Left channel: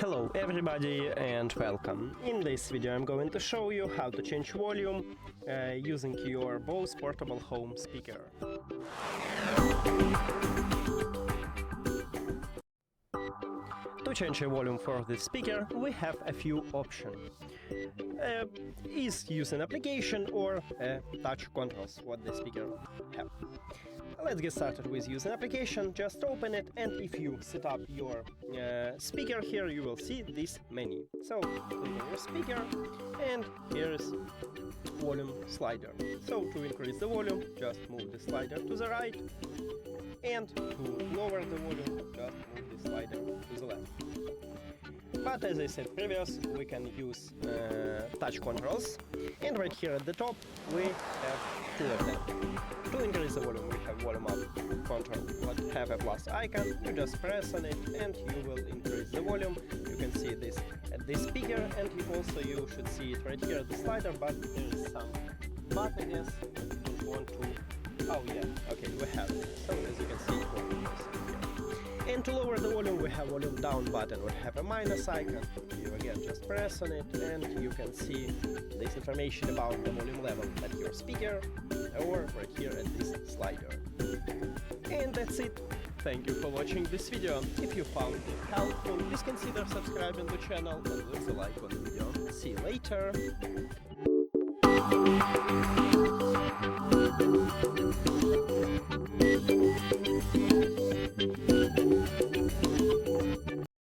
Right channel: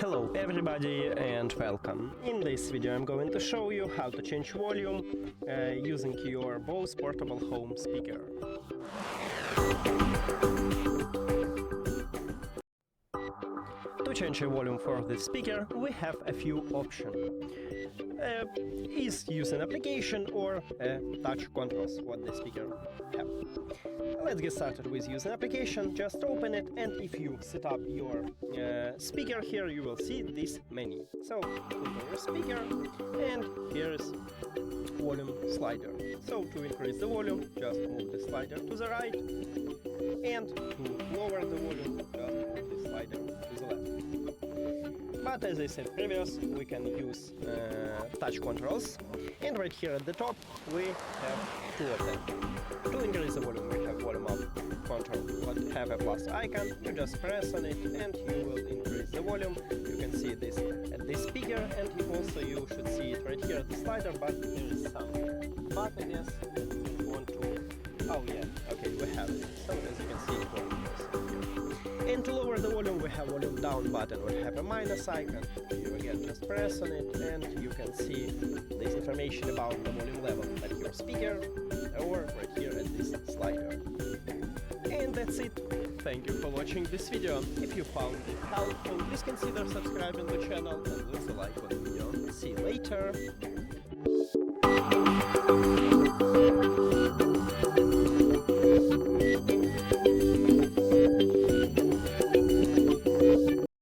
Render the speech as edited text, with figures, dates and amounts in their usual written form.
Hello everybody and welcome. In this video I'm going to show you how to change volume using your BOSE Portable Home Speaker. To change the volume for this speaker we have a few options. Is use an application or touch controls what the speaker have. Let's get started with use an application. Just open it, and if you set up your speaker here, you will see this menu. So click on your speaker, and here is volume slider. So to increase the volume, just move the slider to the right, and to lower the volume, just move the slider to the left. But as I said previous, we can use touch controls, and right here at the top we have two of them. To increase the volume we have volume up control, but have a plus icon. You just press on it and you will increase the volume. You can see this at this speaker, and you should see it right here at the slider, but there is some bug, I guess. You don't want to... Oh yeah, okay, we have it. So as you can see it works here. And to lower the volume we have volume down button. We have a minus icon. You again just press on it and you can see this information about the volume level at your speaker or right here at this slider. And that's it. Thank you for watching this video. If you found it helpful, please consider subscribing to the channel and leave a like on the video. See you later.